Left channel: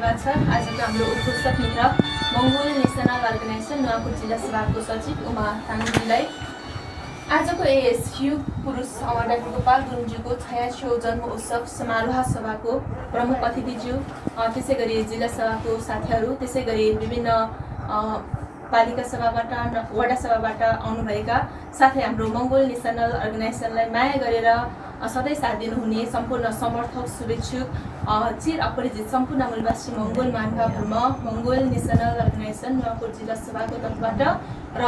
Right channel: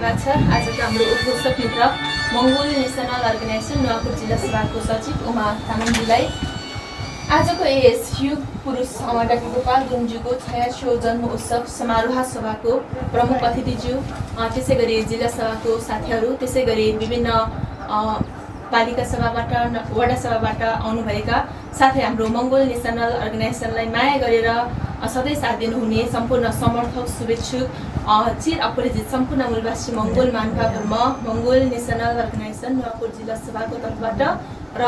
धन्यवाद छ। आजको हाम्रो उद्घोषक मित्र मङ्गोल नेसनल अर्गनाइजेसन नुवाकोट जिल्ला सभाको सचिव उमा तामाङजीलाई आजको यस युग पुरुष अमर डाक्टर गोपाल गुरुङज्यूको 86औं जन्म उत्सव समारोह सभाको प्रमुख अतिथिज्यू, त्यसै गरी जिल्ला सभाको साथीहरू, त्यसै गरी विभिन्न पालिका सभाबाट वडा सभाबाट आउनुभएका साथै हाम्रो मङ्गोल नेसनल अर्गनाइजेसनलाई माया गरेर सधैँ साथ दिनुहुने सम्पूर्ण समर्थक, शुभेच्छुक, चिर अपरिचित सम्पूर्ण मूलवासी मङ्गोल महानुभावहरूमा मङ्गोल नेसनल अर्गनाइजेसन नुवाकोट जिल्ला सभाको तर्फबाट र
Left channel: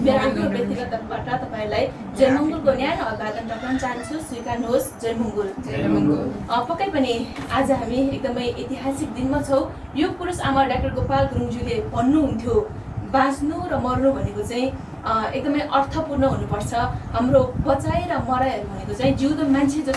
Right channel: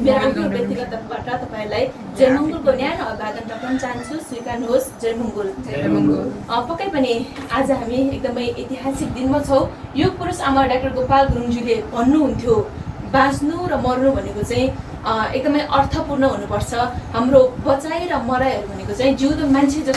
मेरो व्यक्तिगत तर्फबाट तपाईँलाई जय मङ्गोलको न्यानो अभिवादन गर्न चाहन्छु। स्वीकार्नुहोस्। जय मङ्गोल। पक्कै पनि आज हामी एकदमै ऐतिहासिक दिनमा छौँ। युग पुरुष अमर डाक्टर गोपाल गुरुङज्यूले भन्नुहुन्थ्यो, बाँच्नु र मर्नु भनेको चाहिँ एकदमै अर्थपूर्ण हुनुपर्छ। हाम्रो बचाइ र मराइहरू भनेको चाहिँ जिउँदो मान्छेको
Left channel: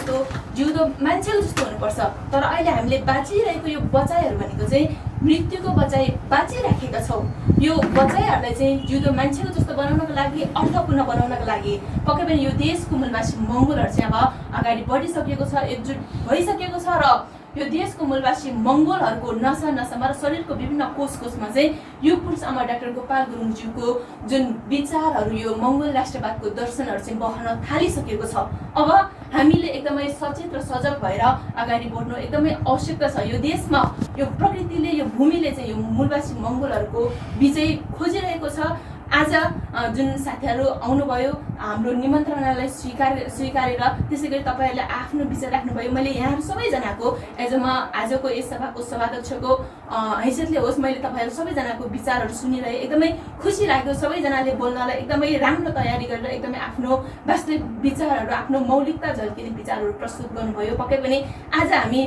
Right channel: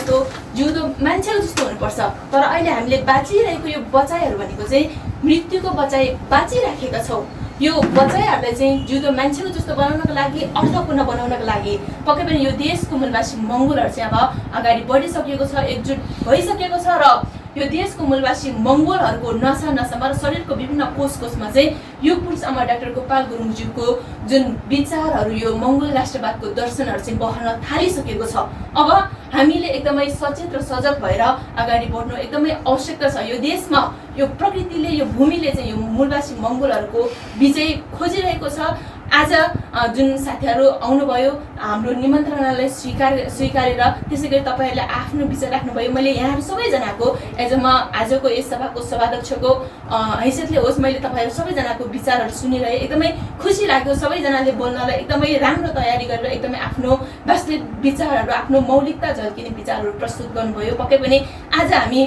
जस्तो हुनुपर्छ। तर अहिले हामीले बाँचिरहेको यो बचाइहरू भनेको चाहिँ मृत्युको बचाइ बाँचिराखेका छौँ। यो बचाइहरूलाई चाहिँ जिउँदो मान्छेको जस्तो बनाउनको लागि, अर्थपूर्ण बनाउनको लागि पक्कै पनि यो देशको मूलवासी मङ्गोलहरू चाहिँ अब अगाडि बढिसकेको छ, एकजुट भइसकेको छ र यो देशको मूलवासी मङ्गोलहरूको नसामा र शरीरको विभिन्न कोषमा चाहिँ युग पुरुष अमर डाक्टर गोपाल गुरुङज्यूको जुन विचारहरू, यो मङ्गोल राष्ट्रवादको दर्शनहरू चाहिँ बहन थालिसकेको छ। अब हामीले एकदमै सचेत र सजग भएर अगाडि बढ्नु एकदमै आवश्यकता छ। यो देशमा यो प्रकृतिले, यो भूमिले चाहिँ यो मूलवासी मङ्गोलहरूको विजय खोजिरहेको छ। आज जुन साथीहरू आउनुभयो, हाम्रो निमन्त्रणालाई स्वीकारेर त्यसै गरी तपाईँहरूले आफ्नो विचार राख्नुभयो। मैले यहाँहरू सबैजनाको आजको यस सभाको सभाध्यक्षको हैसियतले होस्, मैले तपाईँहरू सबैजनाको विचारहरू सुनिरहेँ। एकदमै खुसी लाग्यो। सबैजनाले बोल्नलाई एकदमै राम्रो तयारी गरेर एकदमै आफ्नो वास्तविक विचारहरू, आफ्नो मौलिकता झल्किने विचारहरू प्रस्तुत गर्नुभयो। पक्कै पनि आज हामी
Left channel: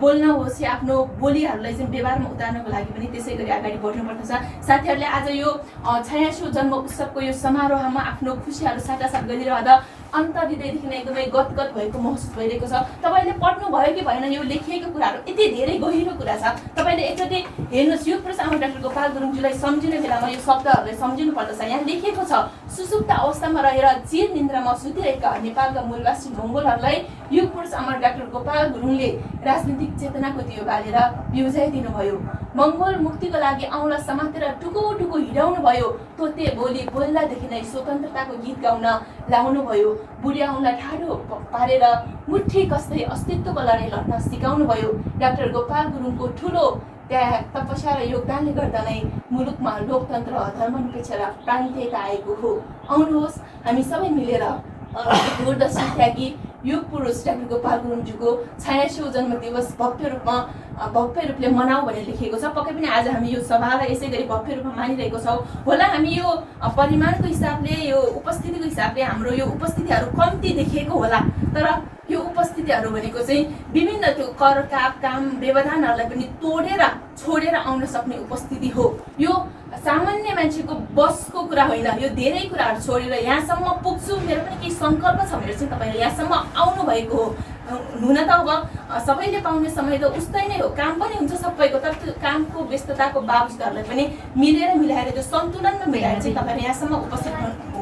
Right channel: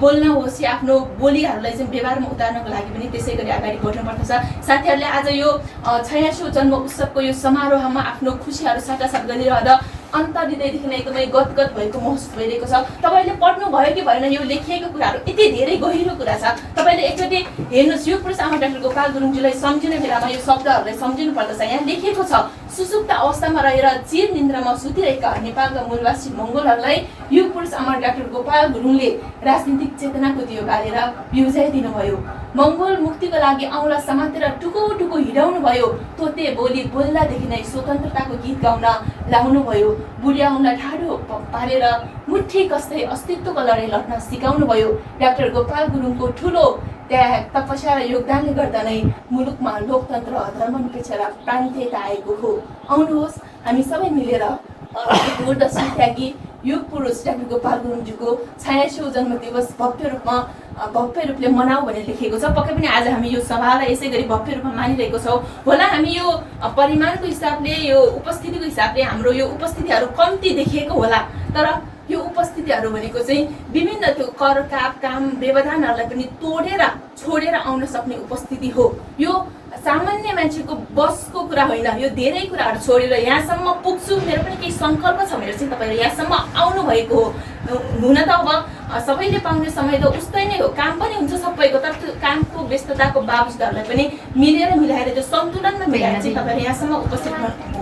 बोल्न होस् या आफ्नो बोलीहरूलाई चाहिँ व्यवहारमा उतार्नको लागि पनि त्यसै गरी अगाडि बढ्नुपर्दछ। साथीहरूले आज यो 86औं जन्म उत्सवको यो समारोहमा आफ्नो खुसीहरू साटासाट गरिरहँदा अन्तर्हृदयदेखि नै एकदमै गदगद भएको महसुस भइरहेको छ। तपाईँले पढ्नु भयो कि भएन, यो लेखिएको कुराहरू यति धेरै गहिरो कुरा छ। तपाईँले एकचोटि हेर्नुहोस्, युग पुरुष अमर डाक्टर गोपाल गुरुङज्यूलाई सम्झिने बेलामा यो शब्दहरूलाई सम्झिनु पर्दछ। यहाँ लेखिएको छ, सुसुप्त अवस्थामा रहेर चिर निन्द्रामा सुतिरहेका नेपालका मूलवासी मङ्गोलहरूलाई युग पुरुष अमर डाक्टर गोपाल गुरुङले राजनीतिक चेतनाको दियो बालेर बिउजाइदिनु भयो। मङ्गोल मुक्तिको लागि औँला समातेर टुको टुको हिँडाउनु भयो। तोते बोली बोल्दादेखि नै स्वतन्त्रताको गीत गाउन लाउनु भयो। बुढिया औँला ठाडो पारेर मुठी कस्तै अस्तित्वको लडाइँ लड्न सिकाउनु भयो। डाक्टर गोपाल गुरुङको ठुलो त्याग, तपस्या र योगदानले गर्दा नै मुलुकमा लोकतन्त्र, धर्मनिरपेक्ष र प्रान्तीयता आएको हो। आउनुहोस्, हामी सबै मिलेर दूरदर्शन त्यागी युग पुरुष डाक्टर गोपाल गुरुङज्यूको 86औं जन्म दिवस भव्य रूपले मनाऊ भनेर लेखिएको छ। पक्कै पनि आज हामी यो सभालाई यसै गरी भव्य रूपमा मानिरहेको छौँ। होला हामी यो परिमाणको हिसाबले, यो उपस्थितिको हिसाबले हाम्रो यो उपस्थितिहरू कम्ती देखिएको होला, तर यो उपस्थितिहरू भनेको चाहिँ विभिन्न त्यो कर, काम, व्यवधानहरूलाई पनि तोडेर छोडेर आउन सक्ने उपस्थिति हो। यो सामान्य मान्छेको बसको कुरा होइन। यो धेरै कुराहरू छोडेर यहाँसम्म पुग्छु, मेरो पनि केही सङ्कल्प छ भनेर चाहिँ तपाईँहरू यहाँसम्म आउनु भएको हो। हुन त अब सबैले पाउने समय त उस्तै नै हो, काम पनि हुन्छ सबैको, तर त्यो कामको व्यस्तताको बावजुदहरूलाई पनि मिलाएर त्यो सन्तुलनमा मिलाएर चाहिँ तपाईँहरू यहाँसम्म उपस्थित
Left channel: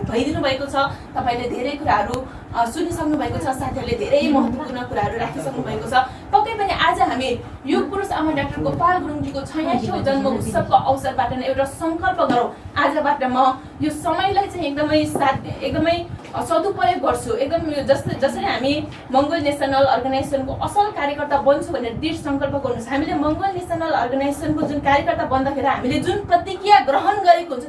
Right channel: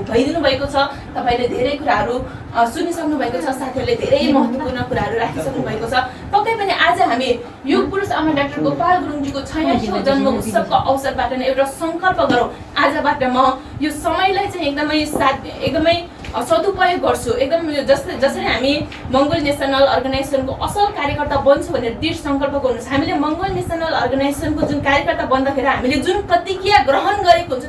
भइदिनु भएको छ। तपाईँले धेरै कुराहरू सुनिसक्नु भएको छ, साथीहरूले धेरै महत्त्वपूर्ण कुराहरू राखिसक्नु भएको छ। पक्कै पनि आज हामी युग पुरुष अमर डाक्टर गोपाल गुरुङज्यूको 86औं जन्म उत्सवको अवसरबाट नै एउटा सङ्कल्प गरौँ। आजबाट म यो समयलाई चाहिँ एकदमै सदुपयोग गर्छु। एकदम यो जसरी हामी मङ्गोल नेसनल अर्गनाइजेसनको असल कार्यकर्ता बन्छु भनेर दृढ सङ्कल्प गर्नुहोस्। हामीले मङ्गोल नेसनल अर्गनाइजेसनको जुन कार्यकर्ता बन्दाखेरि हामीले जुन प्रतिज्ञा ग्रहण गरेको हुन्छ,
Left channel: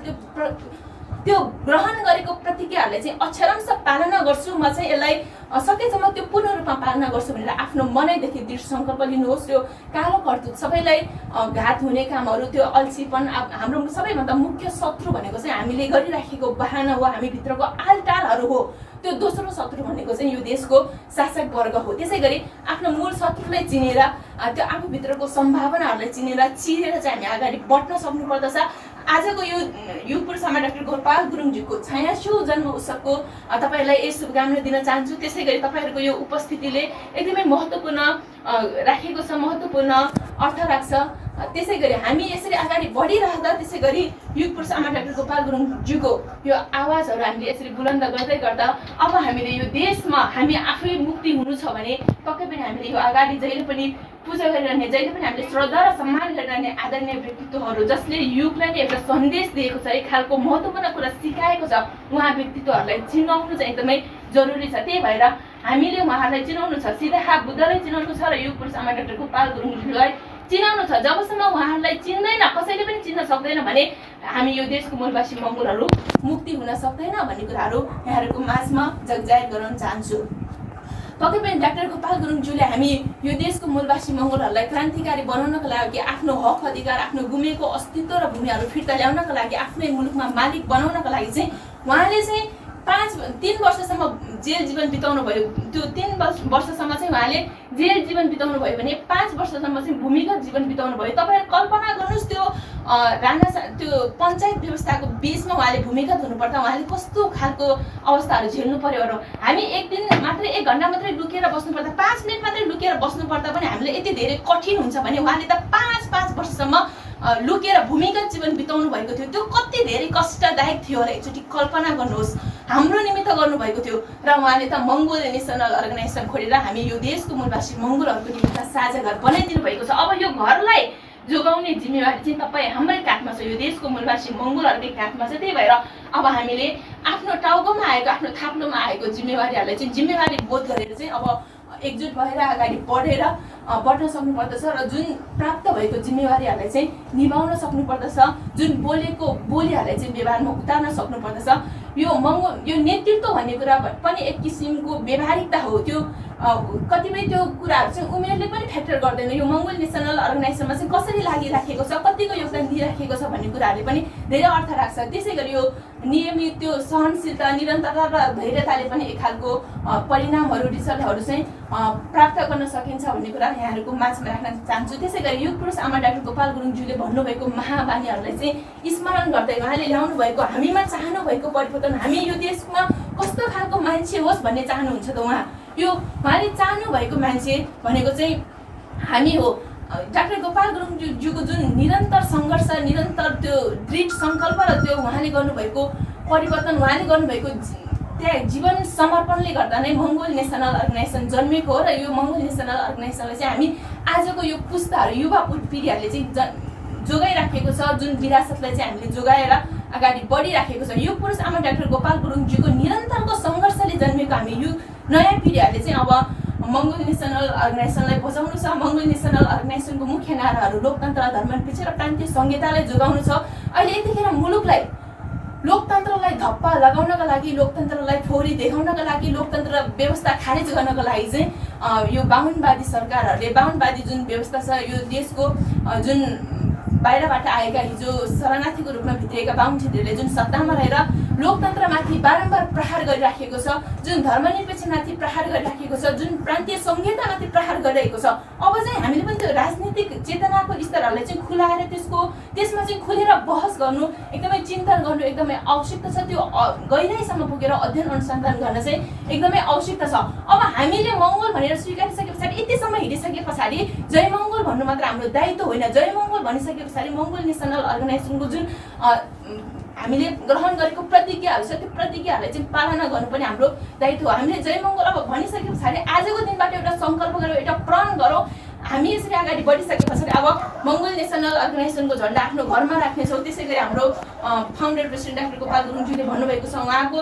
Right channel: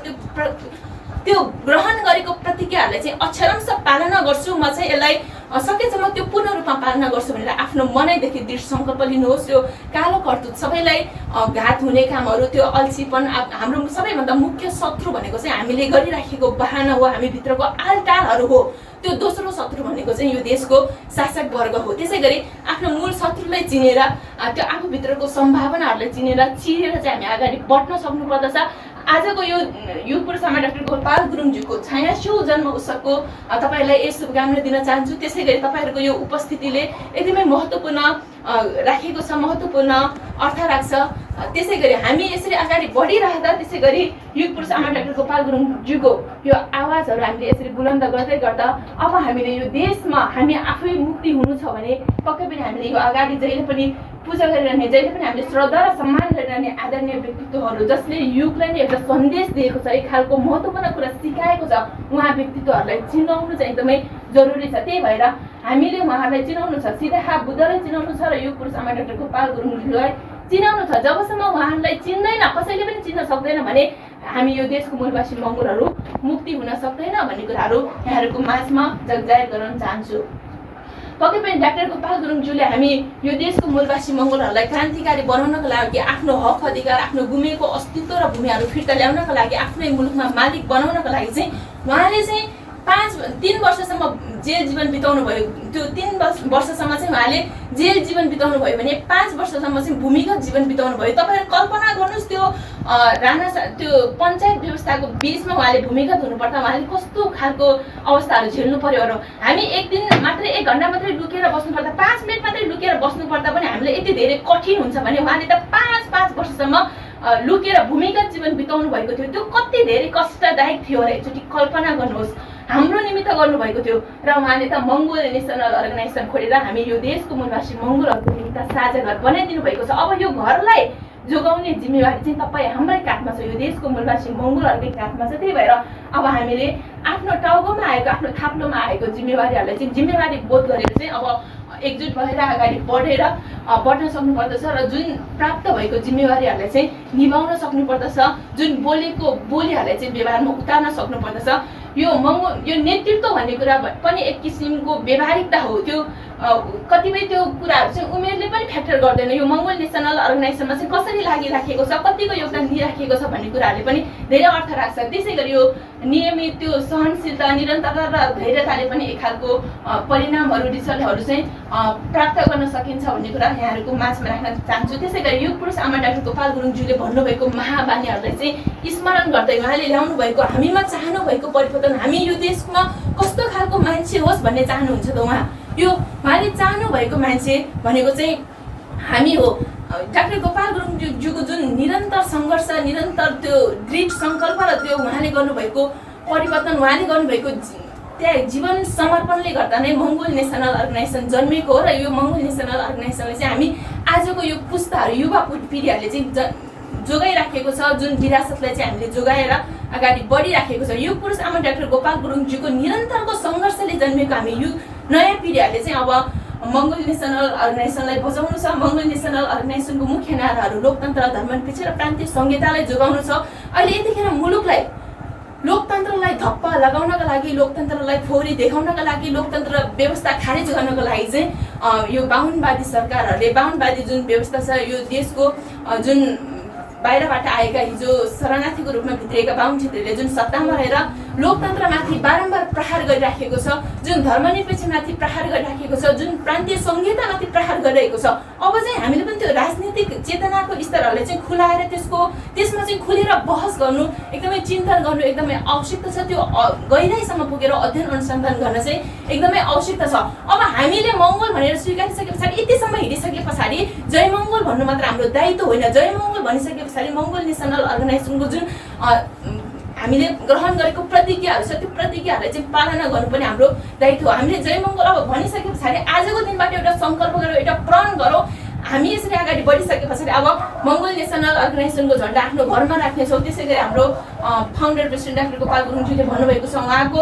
त्यो ग्रहण गरेको प्रतिज्ञाहरूलाई चाहिँ अक्षरंश पालना गर्छु। म चाहिँ यसलाई सकेसम्म त्यो पूर्ण रूपमा पालना गर्छु भनेर आफ्नो मनैदेखि दृढ सङ्कल्प लिनुहोस्। त्यो कालो कर्तुत, सबैलाई घात हुने कामहरू, त्यो अल्छीपन, हाम्रो सबैभन्दा मुख्य शत्रु भनेको चाहिँ हामीले गरिराखेको बहाना हो, हामीभित्रको आलटालहरू हो। त्यो दोस्रो शत्रु भनेको चाहिँ यो देशको शासक वर्ग हो। त्यसै गरी आफ्नो मूल शत्रुलाई चिनेर, त्यो आफूभित्रको सम्भावनाहरूलाई चिरेर चाहिँ हामी अगाडि बढ्न सक्नुपर्दछ। आजको यो युग पुरुष अमर डाक्टर गोपाल गुरुङज्यूको 86औं जन्म उत्सवको तपाईँलाई यही शुभकामना दिन चाहन्छु। त्यसै गरी तपाईँहरूको यो उपस्थितिले एकदमै महत्त्वपूर्ण राखेको छ, महत्त्वपूर्ण अर्थ राख्छ। त्यसै गरी हामी यसरी अगाडि बढिरहँदा त्यसै गरी युग पुरुष अमर डाक्टर गोपाल गुरुङज्यूको यो आवाजहरू हामीले यसरी बुलन्द गर्दै गर्दा अब हामीले यो देशमा हामी आफै मुक्ति हुनु छ भने पक्कै पनि हामीले यो अगाडि जहिले पनि पूजा गरिरहने, जहिले पनि हामीले श्रद्धा र सम्मान गरिरहने आदरणीय व्यक्तित्वहरू जसले युगलाई नै एउटा सन्देश दिएको छ, एक खालको महत्त्वपूर्ण कुरा सिकाएको छ, उहाँ व्यक्तित्वहरूलाई चिनाउनु चाहिँ एकदमै जरुरी छ। त्यही भएर हामीले उहाँहरूलाई चिनाउनु छ, सिधा बुद्धलाई चिनाउनु छ र युग पुरुष आमा डाक्टर गोपाल गुरुङज्यूलाई चिनाउनु छ। जबसम्म उहाँहरूलाई चिन्दैन, कसैले पनि चिन्न सक्दैन भने हामी यो देशको मूलवासी मङ्गोलहरू मुक्ति हुन सक्दैन भन्ने कुराहरू यहाँहरूको माझमा जगजाहेर गराउन चाहन्छु। पक्कै पनि डाक्टर गोपाल गुरुङज्यूले हामी यो देशको मूलवासी मङ्गोलहरूलाई क्रान्तिकारी बनाउनको लागि, आफ्नो हक अधिकार, आफ्नो गुमेको अस्तित्व र भूमिहरू फिर्ता ल्याउनको लागि, आफ्नै मुलुकमा मालिक बनाउनको लागि चाहिँ उहाँले चाहिँ 3 वर्षसम्म जेल जीवन बिताउनु भयो। त्यो 3 वर्षसम्म चाहिँ उहाँले जेल जीवन बिताउनु भयो भने 5 वर्षसम्म चाहिँ भूमिगत जीवन बिताउनु भयो। तपाईँहरू कल्पना गर्नुहोस्, त्यो त्यो पञ्चायत व्यवस्थाको बिचमा उहाँले भूमिगत हुनुपर्दा उहाँले कस्तो खालको अवस्थाहरू झेल्नु पर्यो र हामी एक दिन मात्रै 1 घन्टा मात्रै लुकेर बस्नुपर्दा, 5 मिनट मात्रै लुकेर बस्नुपर्दा पनि हामीले यति धेरै कठिन हुन्छ भने उहाँले त 5 वर्षसम्म लुकेर भूमिगत जीवन बिताउनु भएको थियो। त्यो कति धेरै कष्टदायक थियो होला, एकचोटि कल्पना गर्नुहोस्। हाम्रो निमित्त गर्नुभएको थियो र उहाँले त मङ्गोल नेसनल अर्गनाइजेसन खोलेर हामी यो देशको मूलवासी मङ्गोलहरूको निमित्त साझा घर बनाइदिनु भएको छ। अब यो घरलाई जोगाउने जिम्मेवारी चाहिँ तपाईँ हाम्रै काखमा छ, यो देशको मूलवासी मङ्गोलहरूकै काखमा छ। त्यही भएर अब हामीले आफ्नो टाउकोमा आएको, आफ्नो थाप्लोमा आएको जिम्मेवारीहरूलाई चाहिँ जिम्मेवारी बोध गरेर चाहिँ अब एकजुट भएर अगाडि बढ्न सक्नुपर्दछ र जुन प्राप्त भएको जिम्मेवारीहरूलाई चाहिँ निभाउन सक्नुपर्दछ, जुन बोलेको बोलीहरूलाई चाहिँ व्यवहारमा उतार्न सक्नुपर्दछ। यो नेतृत्व भन्ने कुरा पनि एक किसिमको व्यवहारिकता हो। त्यो कतिपय त्यो कुराहरू चाहिँ उमेरले पनि फ्याक्टर गर्दैन। यो मङ्गोल नेसनल अर्गनाइजेसनमा चाहिँ कसरी लागिराखेको छ, कतिको योगदान दिइराखेको छ भन्ने कुराहरूले पनि धेरै अर्थ राख्छ। त्यसै गरी यो नियमित त्यो सहनशीलता, निरन्तरता र धैर्यताले पनि एक खालको परिणामहरू, रिजल्टहरू चाहिँ प्राप्त गर्न सकिन्छ भन्ने कुरा यहाँहरूको माझमा राख्न चाहन्छु। त्यसै गरी युग पुरुष आमा डाक्टर गोपाल गुरुङज्यूले भन्नुभएको महाबानीहरूलाई चाहिँ स्मरण गर्दै उहाँले ल्याउनु भएको, हामीमा चाहनु भएको परिवर्तन, हामी यो देशमा कस्तो खालको मान्छे होस् भन्ने चाहनुहुन्छ त उहाँ। यो उहाँले चाहनु भएको मान्छे भनेको चाहिँ हामी हो। डाक्टर गोपाल गुरुङज्यूको जुन निरन्तर सङ्घर्ष, निरन्तर त्यो दृढ सङ्कल्प र त्यो उहाँले गर्नुभएको परिवर्तन, उहाँले गर्नुभएको त्यहाँ जीवन समर्पणले गर्दा नै मङ्गोल नेसनल अर्गनाइजेसन जन्मेको हो। र यो मङ्गोल नेसनल अर्गनाइजेसनले चाहिँ हामी आजको यो पुस्ताहरू, युवा पिँढीहरूले चाहिँ जोगाइराखेको छ, जुन विरासतलाई चाहिँ हामीले जोगाएर अगाडि बढिराखेको छ। यो पुरुष आमा डाक्टर गोपाल गुरुङज्यूको निरन्तरको सङ्घर्षले जन्मेको हामी यो नयाँ पिँढीहरूले चाहिँ अब मङ्गोल नेसनल अर्गनाइजेसनलाई बचाउनु छ। मङ्गोल नेसनल अर्गनाइजेसनको मुख्य नाराहरू लोकतन्त्र, धर्मनिरपेक्ष र प्रान्तीय संहितालाई जोगाउनु छ। अहिले यतिखेर मुलुकलाई लोकतन्त्रलाई धप्पा लगाउनका लागि, लोकतन्त्रलाई फोहोरी देखाउनका लागि, लोकतन्त्र व्यवस्था खारेज गर्नको लागि चाहिँ यो बाहुनवादी सरकारहरूले, बाहुनवादी जुन व्यवस्था छ, यो देशको जुन बाहिरबाट आएका हिजो शरणार्थीको रूपमा भित्रिएका बाहुन क्षेत्रीहरूले जुन सत्तामा रहेर लोकतन्त्रमाथि बारम्बार प्रहार गरिराखेको छ, जुन धर्मनिरपेक्षमाथि प्रहार गरिराखेको छ, जुन प्रान्तीय संहितामाथि प्रहार गरिरहेको छ, अब चाहिँ हामीले पनि त्यो राजनीतिक चेतनाको स्तरहरूलाई चाहिँ खुलाएर त्यसमा चाहिँ खुलेर बहस गर्नु, एकदमै चिन्तन गर्नु एकदमै आवश्यकता छ। त्यो गहिराइसम्म पुगेर अध्ययन अनुसन्धान गर्न चाहिँ एकदमै आवश्यकता छ। अब हामीले मङ्गोल भनेर स्वीकारिसके पछाडि, यतिसम्म हिँडिसके पछाडि जय मङ्गोल भन्नु मात्र हाम्रो दायित्व होइन। जय मङ्गोल भनिसके पछाडि मङ्गोल नेसनल अर्गनाइजेसनको जुन हामीले ग्रहण गरेको प्रतिज्ञाहरू छ, त्यो प्रतिज्ञाहरूलाई चाहिँ पालना गर्नु पनि हाम्रो दायित्व हो। हामीले जय मङ्गोल अब भनिसके पछाडि आजको दिनबाट एउटा सङ्कल्प गरौँ, एउटा प्रण गरौँ। हामी यसरी अगाडि बढिसके पछाडि अब मङ्गोल नेसनल अर्गनाइजेसनको झन्डा आफ्नो घरमा राख्नेछौँ। त्यसै गरी हाम्रो फाउन्डर प्रेसिडेन्ट डाक्टर गोपाल गुरुङज्यूले भन्नुभएको छ, उहाँको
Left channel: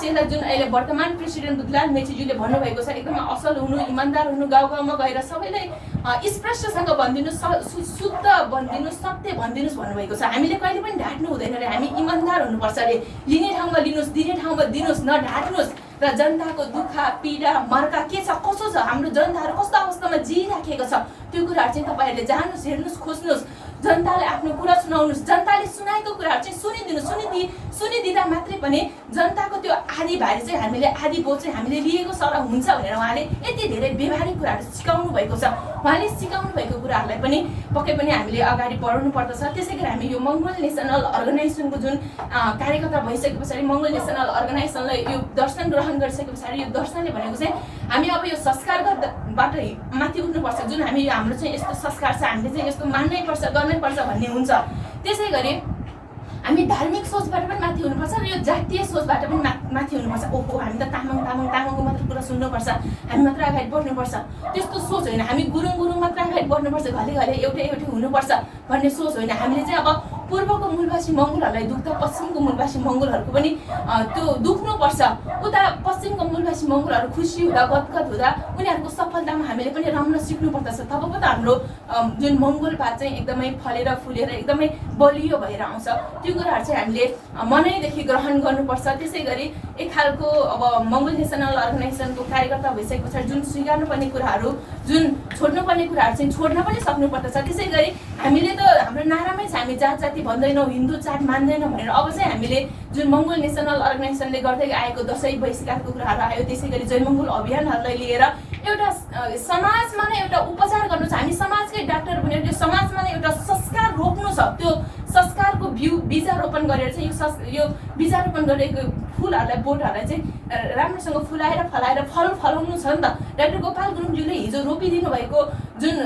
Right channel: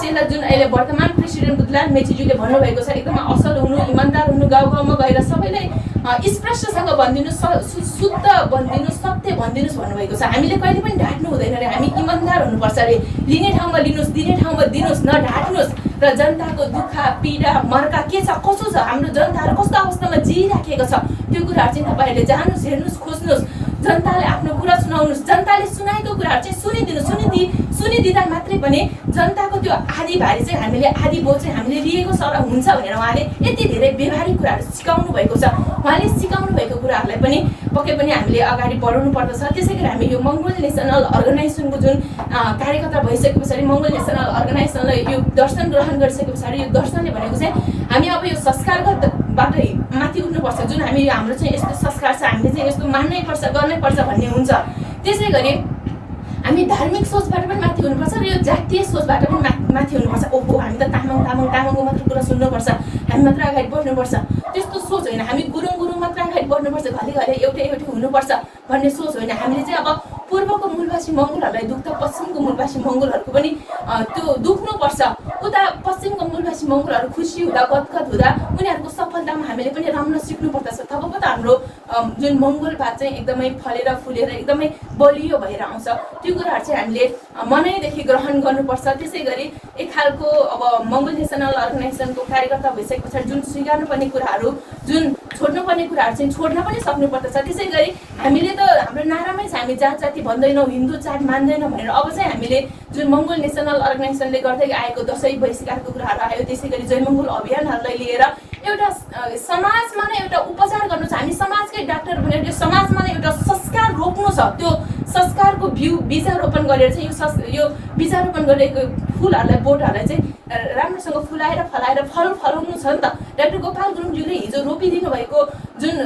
चेला जुन अहिले वर्तमान प्रेसिडेन्ट बुद्धलाल मेचीज्यूले भन्नुभएको छ, एकदमै असल हुनु, इमान्दार हुनु, गाउँ गाउँमा गएर सबैलाई स्पष्टसँग भनिदिनुहोस्, शुद्ध भनिदिनुहोस्, सत्य भनिदिनुहोस् भन्नुभएको छ। हामीले कहिले पनि ढाँट्नु हुँदैन अरे, हामी इमान्दार हुनुपर्छ अरे। लिने ठाउँमा लिनुहोस्, दिने ठाउँमा दिनुहोस्, नढाँट्नुहोस्। र जनताको दुःख, पीडा, मर्का के छ, कसो छ, हाम्रो जनताहरू कस्तो अवस्थामा जिइराखेको छ, त्यो कुराहरू चाहिँ तपाईँहरूले जान्नुहोस्, हेर्नुहोस्, खोज्नुहोस्। जनताले आफ्नो कुरा सुनाउनुहोस्, जनताले सुनाएको कुराहरू चाहिँ सुनिदिँदा मात्रै पनि जनताको त्यो आधी भारी चाहिँ हामीले, आधी बोझ चाहिँ हामीले लिएको छ र हुन्छ भनेर उहाँले यति धेरै व्यवहारिक कुराहरू सिकाउनु भएको छ। उहाँले सिकाउनु भएको कुराहरूलाई पनि पक्कै पनि हामीले अगाडि बढाउनु पर्दछ। त्यसै गरी हामी यो मङ्गोल नेसनल अर्गनाइजेसनको जुन कार्यकर्ता भइसके पछाडि, मङ्गोल नेसनल अर्गनाइजेसनलाई यो दर्शन ग्रहण गरिसके पछाडि, यो दर्शनले भनेको चाहिँ हामी अब यो संस्कारबाट माथि उठ्नुपर्छ। जुन हाम्रो चाहिँ यस्तो संस्कार छ, हामीले चाहिँ यस्तो मान्नै पर्छ, गर्नै पर्छ भन्ने हुन्छ। त्यसै गरी हामी धार्मिक सोचबाट पनि माथि हुनुपर्छ र यो जातीय सोचबाट पनि माथि हुनुपर्छ। ओहो, हामी त तामाङको मात्र कुरा सुन्नुपर्छ, हामी मात्र अगाडि बढ्नुपर्छ, त्यस्तो सोच होइन। हामी गुरुङ मात्र अगाडि बढ्नुपर्छ, घले घले एउटै हुनुपर्छ भन्ने सोच होइन। हामीले चाहिँ अब पूर्वको मूलवासी मङ्गोलहरूलाई दुख्दा पश्चिमको मूलवासी मङ्गोलहरूको पनि त्यो दुख्नुपर्छ। उता पश्चिमको मूलवासी मङ्गोलहरू खुसी हुँदा गदगद हुँदा उनीहरूको सफलतामा हामीले पनि रम्न सिक्नुपर्दछ। तब पो त हाम्रो जुन मङ्गोलवाद चाहिँ एकदमै फलेर फुलेर एकदमै बलियो भएर आउँछ। त्यो कुराहरू चाहिँ हामीले मनैदेखि ग्रहण गर्नुपर्छ। त्यसै गरी एक खालको अब मङ्गोल नेसनल अर्गनाइजेसनको कार्यकर्ता भइसके पछाडि जुन स्वीकार्नुपर्ने कुराहरू, जुन छोड्नुपर्ने कुराहरू चाहिँ छोड्न पनि सक्नुपर्दछ। त्यसै गरी हामीले त हाम्रो नारामै छ, हामी जात जाति भन्दैनौँ, हिन्दू चाड मान्दैनौँ भनेर। अब चाहिँ हामीले जुन मङ्गोल नेसनल अर्गनाइजेसनले गर्दै आएको दसैँ बहिष्कारको कुराहरू आयो, त्यसै गरी जय मङ्गोल अभियानहरूलाई लिएर एउटा समाजमा नै एउटा उपचार गर्नु छ। हामी समाजकै डाक्टर बनेर त्यो समाजमा नै एउटा संस्कार रोप्नु छ। त्यो संस्कारको बीजारोपण गरेर चाहिँ यो बीजारोपण गरेको फुलहरूलाई, बोटहरूलाई चाहिँ राम्रोसँग फुलाएर फलाएर फल फलाउनु छ नि त। डाक्टर गोपाल गुरुङज्यूले हिजो रोपिदिनु भएको जुन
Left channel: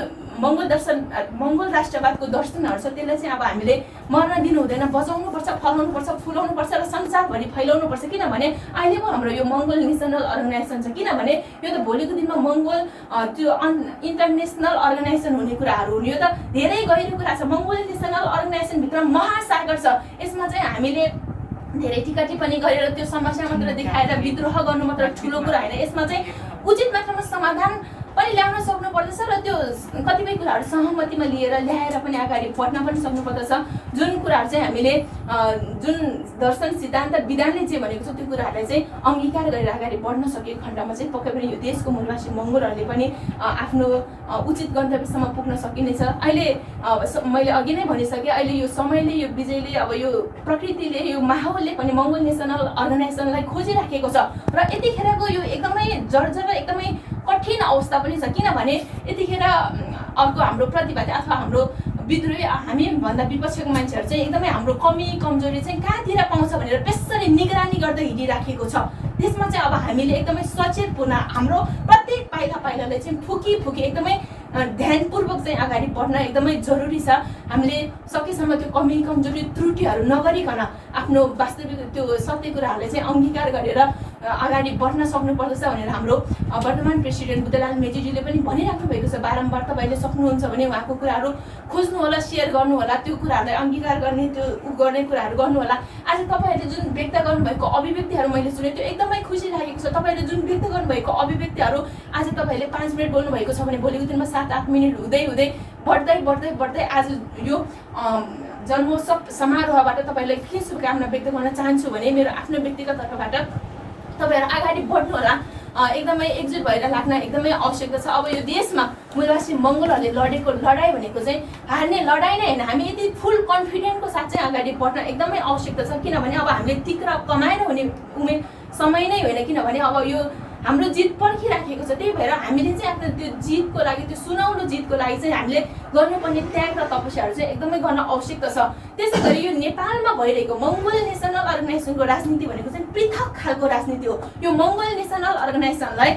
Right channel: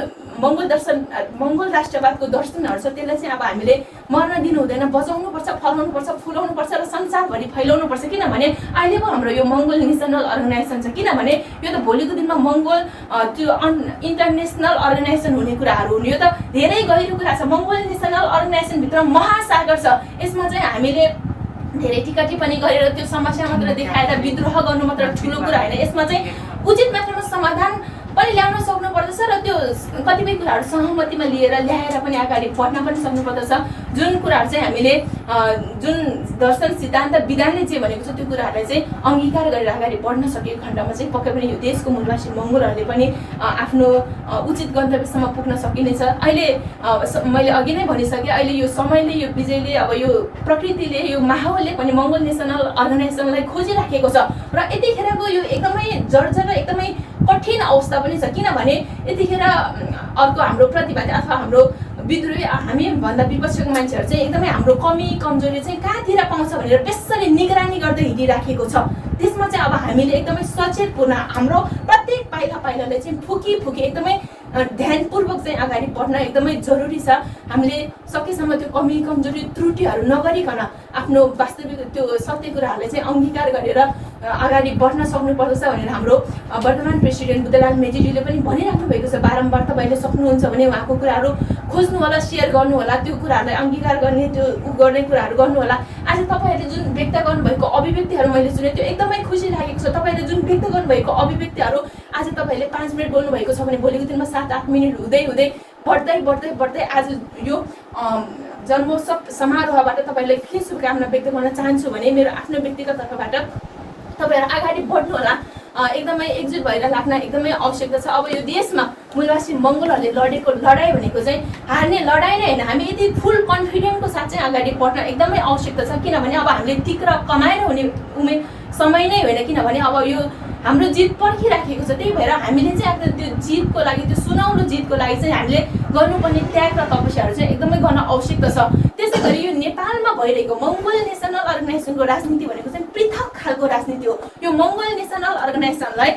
मङ्गोल राष्ट्रवादको दर्शनहरू छ, त्यसलाई चाहिँ अब हामीले मर्न दिनु हुँदैन, बचाउनुपर्छ, फलाउनुपर्छ, फुलाउनुपर्छ र संसारभरि फैलाउनुपर्छ। किनभने अहिले पो हाम्रो यो मङ्गोल नेसनल अर्गनाइजेसन छ। किनभने यो त भोलिको दिनमा मङ्गोल त्यो इन्टरनेसनल अर्गनाइजेसन हुने कुराहरू हुने, यो त धेरै गहिरो कुरा छ। मङ्गोल नेसनल अर्गनाइजेसनभित्र महासागर छ। यसमा चाहिँ हामीले धेरै टिका टिप्पणी गरेर त्यो समस्या मात्र देखाएर विद्रोह गर्नु मात्र ठुलो कुरा होइन। यसमा चाहिँ उचित मात्रामा समाधान पनि ल्याउन सक्नुपर्दछ र त्यो कतिपय कुराहरू सहमतिमा लिएर ल्याएर पनि अगाडि बढ्न पनि सक्नुपर्दछ। जुन कुराहरू चाहिँ हामीले जुन दर्शन सिद्धान्त विधानले जे भनेको छ त्यो कुराहरूलाई चाहिँ अङ्गीकार गरेर अगाडि बढ्न सकेको खण्डमा चाहिँ पक्कै पनि यो देशको मूलवासी मङ्गोलहरूले पनि आफ्नो उचित गन्तव्यसम्म पुग्न सकिनेछ। अहिले मैले अघि नै भनिसकेँ, अहिले यो समयले, यो विजयले, अब यो प्रकृतिले, यो माहौलले पनि मङ्गोल नेसनल अर्गनाइजेसनलाई खोजिराखेको छ र यतिखेरको यो एकदमै जर्जर र एकदमै कठिन अवस्था पनि छ। किनभने यतिखेर अर्को हाम्रो प्रतिवादी अथवा हाम्रो विद्रोही, हामीभन्दा विपक्षीको मान्छेहरू चाहिँ एकदमै हाम्रो कमी कमजोरी चाहिँ कहाँतिर पाउँछ भनेर त्यसरी निगरानी गर्दै हिँडिराखेको छ। त्यसमा चाहिँ अब हामीले एकदमै सचेतपूर्ण हाम्रो प्रत्येक पाइलाले चाहिँ फुकी एकदमै ध्यानपूर्वक चाहिँ अगाडि बढ्न एकदमै जरुरी छ। हामीले सकेसम्म त्यो कमी कमजोरी त्रुटिहरू नगरिकन आफ्नो वास्तविक त्यो सत्य कुराहरूलाई चाहिँ अङ्गीकार गरेर अगाडि बढ्न सक्नुपर्दछ भनेर हाम्रो वर्तमान प्रेसिडेन्ट बुद्धलाल मेजीज्यूले पनि भनिराख्नु भएको छ। बारम्बार तपाईँले सक्नुहुन्छ भने उहाँको कुराहरू खोज्नु होला, सेयर गर्नु होला, त्यो कुराहरूलाई अङ्गीकार गर्ने, त्यो गर्ने कुराहरू गर्नु होला। आज तपाईँहरूले जुन व्यक्त गर्नुभएको अभिव्यक्तिहरू मैले सुने, त्यो एकदमै खुसी लागेको छ। तपाईँले जुन व्यक्त गर्नुभएको अभिव्यक्तिहरू आज तपाईँले 5 मिनट बोल्नुभएको छ भने भोलिको दिनमा 7-8 मिनट हुँदै बढ्दै आज यो जन्मोत्सव समारोहबाट तपाईँलाई के शुभकामना व्यक्त गर्न चाहन्छु भने मेरो आफ्नो व्यक्तिगत तर्फबाट तपाईँहरू अगाडि बढ्नु होला। एकदमै एकजुट भएर लाग्न एकदमै आवश्यकता छ। अब यो देशमा मूलवासी मङ्गोलहरूले लडेको लडाइँ भनेको चाहिँ हार्ने लडाइँ नै होइन। हामी यति फुल कन्फिडेन्टको साथ चाहिँ अगाडि बढ्न एकदमै आवश्यकता छ। किनभने अब हामीले तिक्र कमाएर हुने समय नै होइन। किनभने अब यो हाम्रो जित पर्खिराखेको छ। त्यही भएर हामीले चाहिँ आफ्नो त्यो जितको लागि, त्यो सुनौलो जितको लागि चाहिँ हामीले गर्नुपर्ने त्याग र तपस्याहरू चाहिँ एकदमै गर्न आवश्यकता छ। त्यसै गरी यो नेपालमा भइरहेको मङ्गोल नेसनल अर्गनाइजेसनको राजनीति भनेको चाहिँ पृथक खालको राजनीति हो। यो मङ्गोल नेसनल अर्गनाइजेसनलाई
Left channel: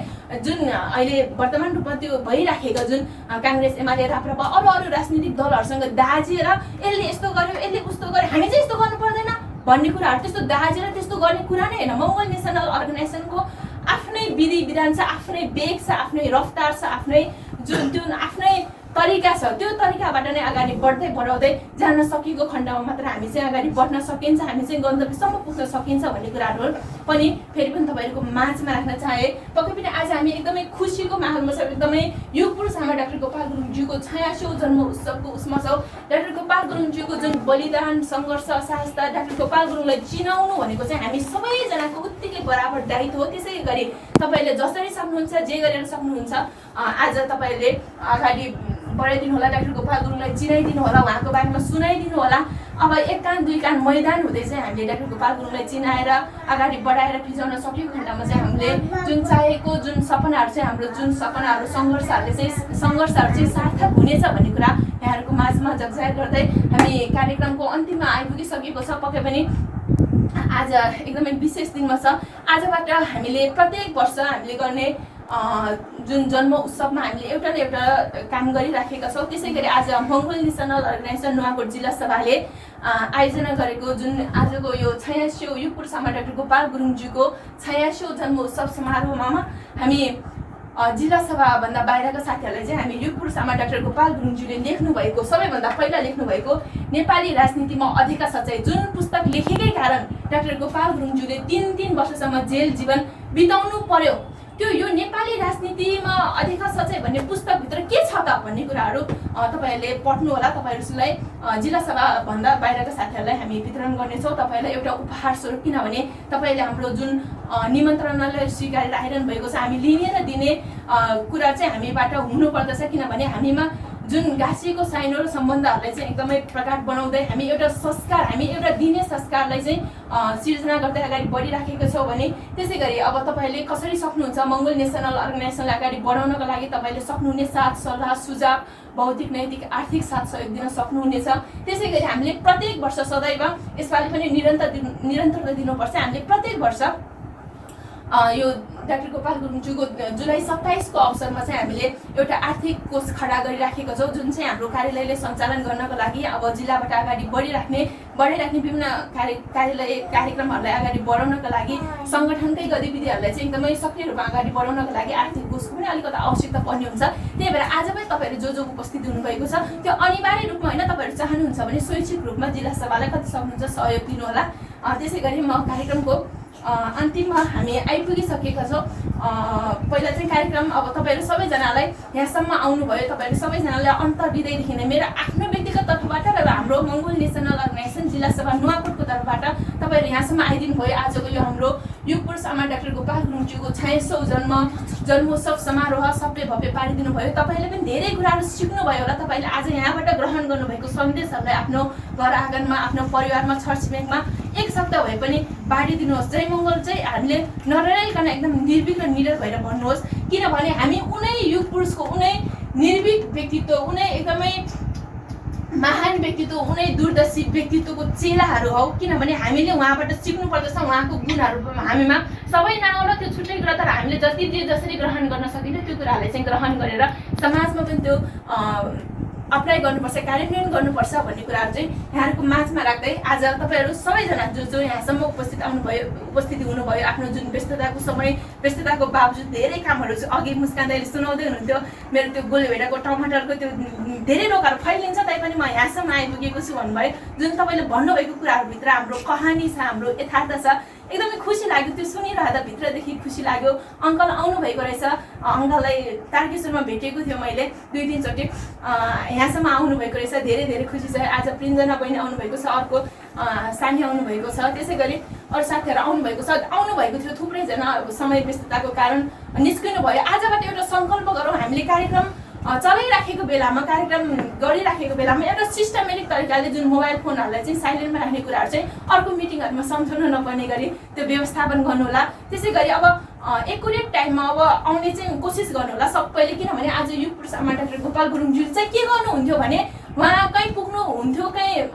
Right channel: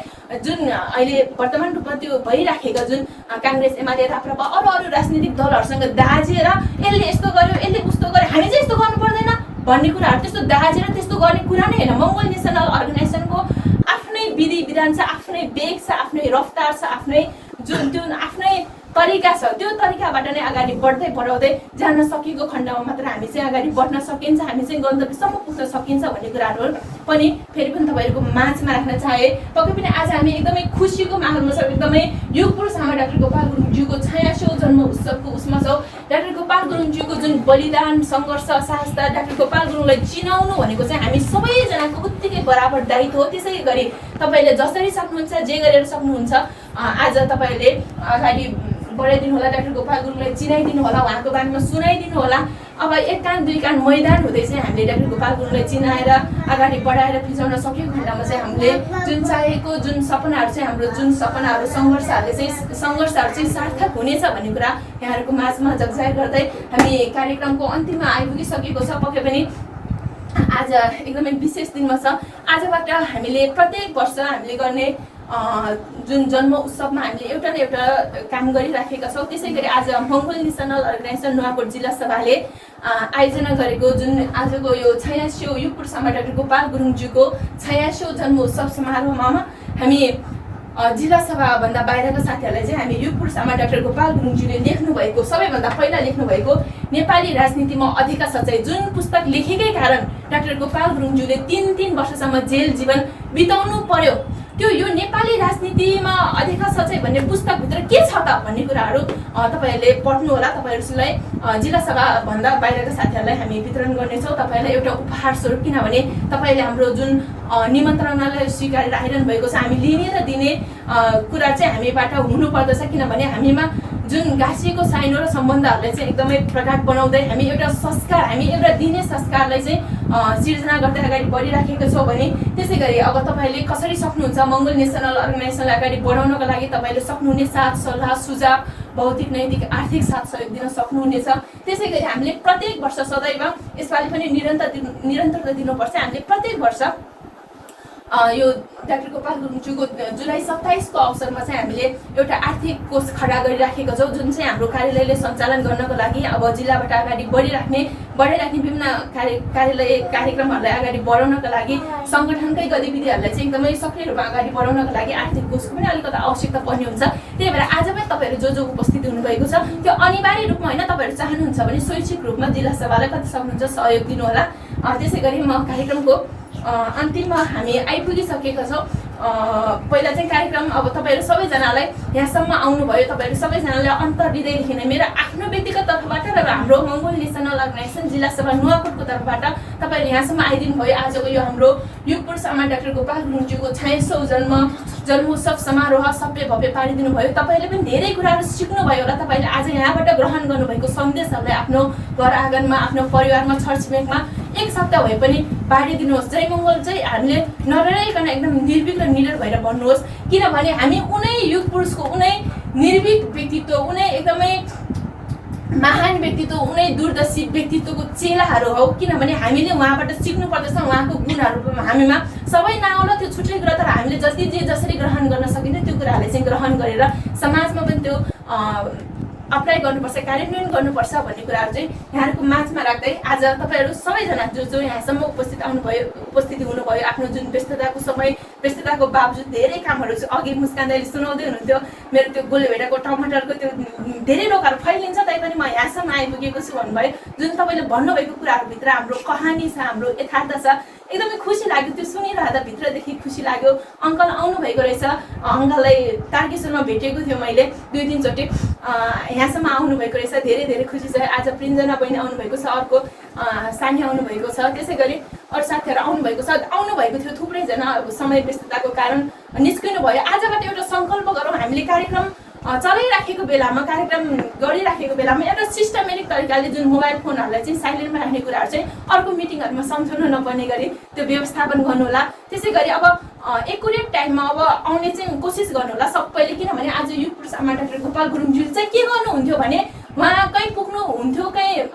जुन अहिले वर्तमान रूपमा त्यो भइराखेका जुन काङ्ग्रेस, एमाले, राप्रपा अरू राजनीतिक दलहरूसँग दाजेर यसले यस्तो गर्यो, यसले उस्तो गर्यो, हामी चाहिँ यस्तो गर्नु पर्दैन भन्ने कुराहरू, त्यस्तो दाजेर त्यस्तो गर्ने कुरा नै होइन। मङ्गोल नेसनल अर्गनाइजेसनको आफ्नै विधि विधान छ, आफ्नै वेग छ, आफ्नै रफ्तार छ, आफ्नै जुन आफ्नै तरिका छ। त्यो तरिकाबाट नै अगाडि बढाउँदै जान सकेको खण्डमा मात्र हामी चाहिँ अगाडि बढ्न सकिन्छ, हामी चाहिँ गन्तव्यसम्म पुग्न सकिन्छ भन्ने कुराहरू पनि फेरि पनि तपाईँहरूको माझमा राख्न चाहे। पक्कै पनि आज हामी एकदमै खुसीको माहौलमा छौँ। एकदमै युग पुरुष हाम्रो डाक्टर गोपाल गुरुङज्यूको 86औं जन्म उत्सवको उसमा छौँ। डाक्टर गोपाल गुरुङज्यूको जुन बलिदान, सङ्घर्ष, साहसता, डाक्टर गोपाल गुरुङलाई चिनाउनु भनेको चाहिँ हामी सबैजनाको उत्तिकै बराबर दायित्व हो। त्यसै गरी तपाईँले जसरी सक्नुहुन्छ, जे गरेर सक्नुहुन्छ, आज तपाईँले अगाडि बढाइदिनु होला, डाक्टर गोपाल गुरुङलाई चिनाइदिनु होला, उहाँको बारेमा सुनाइदिनु होला। अब एक कान दुई कान मैदान हुँदै चाहिँ हामीले डाक्टर गोपाल गुरुङलाई चिनाएर अगाडि बढाएर फिजाउन सकेको खण्डमा चाहिँ हामीले जुन चाहेको जुन सपनाहरू चाहिँ हाम्रो जुन सपनाहरू सङ्घर्षहरू चाहिँ सार्थक हुनेछ भन्ने कुरा यहाँहरूको माझमा जगजाहेर गर्दै हामी कार्यक्रमको अन्तिममा आइपुगिसकेको छ। पक्कै पनि आज एकदमै विशेष दिनमा छ। आजबाट हामीले प्रत्येक वर्ष हामीले गर्ने जुन जन्म उत्सवमा हामीले एउटा न एउटा काम गरिराखेका छौँ। त्यसै गरी आज मङ्गोल नेसनल अर्गनाइजेसन नुवाकोट जिल्ला सभाले आयोजना गरेको जुन आजको यो 86औं युग पुरुष डाक्टर गोपाल गुरुङज्यूको 86औं जन्म उत्सव समारोहमा हामी जिल्ला सभाभन्दा बाहिरका साथीहरूलाई चाहिँ हामी युग पुरुष आमा डाक्टर गोपाल गुरुङज्यूले लेख्नुभएको सबैभन्दा पहिला लेख्नुभएको नेपाली राजनीतिमा अधिकार सच्चाइ जुन पुस्तक लेखेकै कारण डाक्टर गोपाल गुरुङज्यूले 3 वर्षसम्म जेल जीवन बिताउनु पर्यो। त्यो यो नेपाली राजनीतिमा अधिकार सच्चाइ भन्ने पुस्तकभित्र के छ त भन्ने कुराहरू तपाईहरूले पढ्नु होला। तपाईहरूलाई जिल्ला सभाभन्दा बाहिरका साथीहरूलाई हामी वितरण गर्नेछौँ तपाईँहरूलाई एउटा उपहार स्वरूप, किनभने तपाईँले हाम्रो जुन निमन्त्रणालाई स्वीकारेर आइरहनु भएको छ, हामी लिने र दिने कुरा चाहिँ हामीबाट हुनुपर्दछ, किनभने हामीमा जुन गाँसिएको साइनो र सम्बन्धहरूलाई चाहिँ एकदमै प्रगाढ बनाउँदै हामी एउटा संस्कार, हामी एउटा दिने संस्कारलाई चाहिँ सिर्जना गर्दै अगाडि बढिराखेको छौँ भने त्यसै गरी अब तपाईँले कसरी सक्नुहुन्छ मङ्गोल नेसनल अर्गनाइजेसनलाई अगाडि बढाउनको लागि तपाईँले सक्नुहुने साथ सल्लाह सुझाव भौतिक नैतिक आर्थिक साथ सहयोग दिन सक्नुहुनेछ। त्यसै गरी हामीले प्रत्येक वर्ष सदैव यसपालि पनि निरन्तरता दिनुपर्छ। हामीले प्रत्येक वर्ष यो डाक्टर गोपाल गुरुङज्यूको जुलाई 27 को अवसरमा चाहिँ हामीले एउटा आर्थिक कोष खडा गरिराखेको छौँ, जुन चाहिँ हाम्रो कार्यालयले सञ्चालन गर्नको लागि अब जिल्लाबाट अगाडि बढिराख्ने विभिन्न कार्यालय कार्यक्रमहरूलाई अगाडि बढाउनका लागि सङ्गठनकै गतिविधिहरूलाई चाहिँ एकदमै सक्रिय रूपमा अगाडि बढाउनका लागि आर्थिक कोषको पनि अलिकति आवश्यकता पर्ने हुन्छ। त्यही भएर आज पनि तपाईँहरू जो उपस्थिति हुनुभएको छ त्यो अनिवार्य रूपमा होइन, तपाईँहरू चाहनुहुन्छ भने स्वैच्छिक रूपमा जिल्ला सभालाई कति सक्नुहुन्छ सहयोग दिनुहोला। त्यसै गरी म कार्यक्रमको अन्तिममा हामी आइपुगिसकेका छौँ। पहिला चाहिँ कार्यक्रम अब तपाईँहरू सबैजनालाई यहाँसम्म आउनुभयो, तपाईँहरू सबैजनालाई अन्तर्हृदयदेखि नै मेरो आफ्नो व्यक्तिगत तर्फबाट र हाम्रो मङ्गोल नेसनल अर्गनाइजेसन जिल्ला सभा नुवाकोटको तर्फबाट तपाईँहरू यहाँसम्म आइदिनु भयो। आजको यो हाम्रो युग पुरुष आमा डाक्टर गोपाल गुरुङज्यूको 46औं जन्मोत्सव समारोह सबै भव्य पारिदिनु भयो। तपाईँले पनि धेरै कुराहरू सिक्नुभयो होला। तपाईँले आज यहाँबाट ग्रहण गर्नुभएको सन्देशहरूलाई आफ्नो घर आँगनमा, आफ्नो परिवारमा, छरछिमेकमा एक सप्ताह भए पनि बाँडिदिनुहोस्। जय मङ्गल चाहिँ हामीले नडराइकन एकदम निर्भीक र निडर भएर भन्नुहोस्, किनभने हामी उनै युग पुरुषको उनै निर्भीक व्यक्तित्व, उनै एकदमै महान व्यक्तित्व, उनै दूरदर्शी व्यक्तित्वको चेलाहरू हौ। किनभने हामीले उहाँबाट सिक्नु पर्दछ, उहाँको गुणहरू हामीमा सबै नआउला त्यो छुट्टै कुरा, तर हामीले जसरी ग्रहण गर्न सकिन्छ त्यो कुराहरूले चाहिँ ग्रहण गरेर समाजमा पनि त्यो अप्लाई गर्नुपर्छ, कार्यान्वयन गर्नुपर्छ भन्ने कुराहरू चाहिँ यहाँहरूको माझमा राख्दै आज तपाईँहरू सबैजना जो यहाँसम्म उपस्थिति हुनुभयो, आफ्नो जुन व्यस्तताको बावजुद धेरै कामहरू अघि मुस्कान दाइले सुनाउँदै हुनुहुन्थ्यो, मेरो त्यो गोलेभेडाको टमाटरको त्यो धेरै रोगहरू फैलिन्छ तैपनि म यहाँसम्म आइपुगेको छु भन्नुभयो। जुन तपाईँले भन्नुभएको कुराहरूभित्र हाम्रो कहानी छ, हाम्रो यथार्थ छ, एकदमै खुसी लाग्यो। त्यो सुनिरहँदा भित्रदेखि खुसी लाग्यो। अङ्कल आउनुभएको रहेछ, अङ्कललाई तारकेश्वरमा भेटेको थियो मैले 2-3 चोटि, यहाँसम्म आउनुभएको रहेछ, धेरै धेरै खुसी छ। आज प्रिन्जना बहिनी आउनुभएको छ, अर्को सानी आउनुभएको छ, त्यसै गरी अरू साथीहरू आउनुभएको थियो। थुप्रैजना समय व्यस्तताको कारण निस्किनु भयो। आजबाट एउटा सङ्कल्प गरौँ, हामीले कार्यक्रम चलाइराखेको बेलामा, कार्यक्रम गरिराखेको बेलामा एउटा सिस्टमेटिक तरिकाले जुन मोबाइल फोनहरूलाई चाहिँ साइलेन्टमा राख्ने कुराहरू चाहिँ अर्को मिटिङहरूमा सम्झाउनु नपर्ने गरी त्यो व्यवस्थापन गर्नुहोला। त्यसै गरी अब एकुरेट टाइममा अब आउने चाहिँ कोसिस गर्नुहोला सबैले, किनभने आज युग पुरुष आमा डाक्टर गोपाल गुरुङज्यू चाहिँ के गर्नुहुन्थ्यो भने उहाँ कहीँ पुग्नुहुन्थ्यो,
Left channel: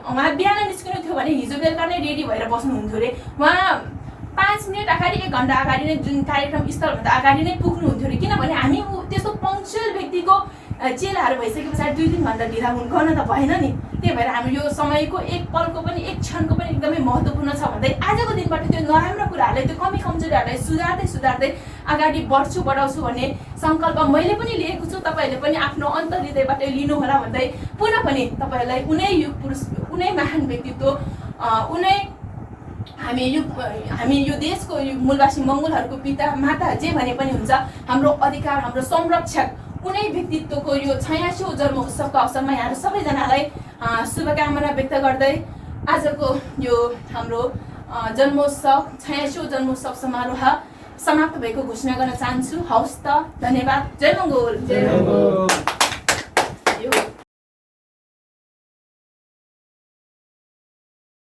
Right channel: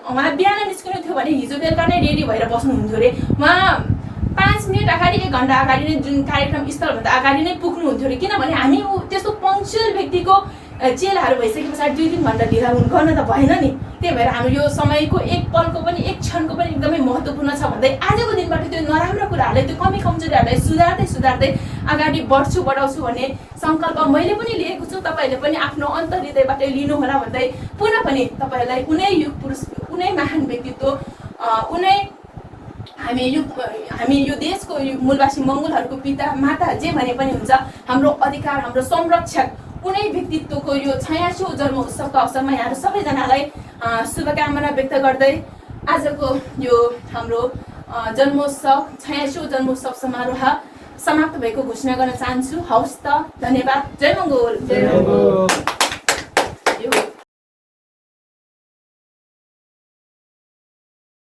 उहाँ बिहान निस्किनु थियो भने हिजो बेलुका नै रेडी भएर बस्नुहुन्थ्यो अरे। उहाँ 5 मिनट अगाडि 1 घन्टा अगाडि नै जुन कार्यक्रम स्थलभन्दा अगाडि नै पुग्नुहुन्थ्यो अरे, किनभने हामी त्यस्तो पङ्क्चुअल व्यक्तिको चेलाहरू भइसके पछाडि 2-3 घन्टा ढिला गर्न त भएन नि। त्यही भएर हाम्रो यो समयको एक पलको पनि, एक क्षणको पनि एकदमै महत्त्वपूर्ण छ भन्दै आजको दिनबाट त्यो नराम्रो कुराहरूलाई, त्यो कमी कमजोरीहरूलाई सुधार्दै अगाडि बढाउँछु भन्ने सङ्कल्प मैले पनि लिएको छु। तपाईँहरूले पनि आफ्नो अन्तर्हृदयबाट लिनुहोला भन्दै पुनः पनि तपाईँहरूलाई उनै युग पुरुष, उनै महान व्यक्तित्व, हामी यो देशको मूलवासी मङ्गोलहरूको पिता माता जे भने पनि हुन्छ, हाम्रो अधिकार, हाम्रो संरक्षक उनै व्यक्तित्वको यो 86औं जन्मोत्सवको अवसरमा यहाँहरू सबैजनालाई शुभकामना व्यक्त गर्दै आजको यो हाम्रो जन्मोत्सव 86औं जन्मोत्सव समारोह समाप्त भएको घोषणा गर्न चाहन्छु। हवस् त, धन्यवाद। जय मङ्गोल।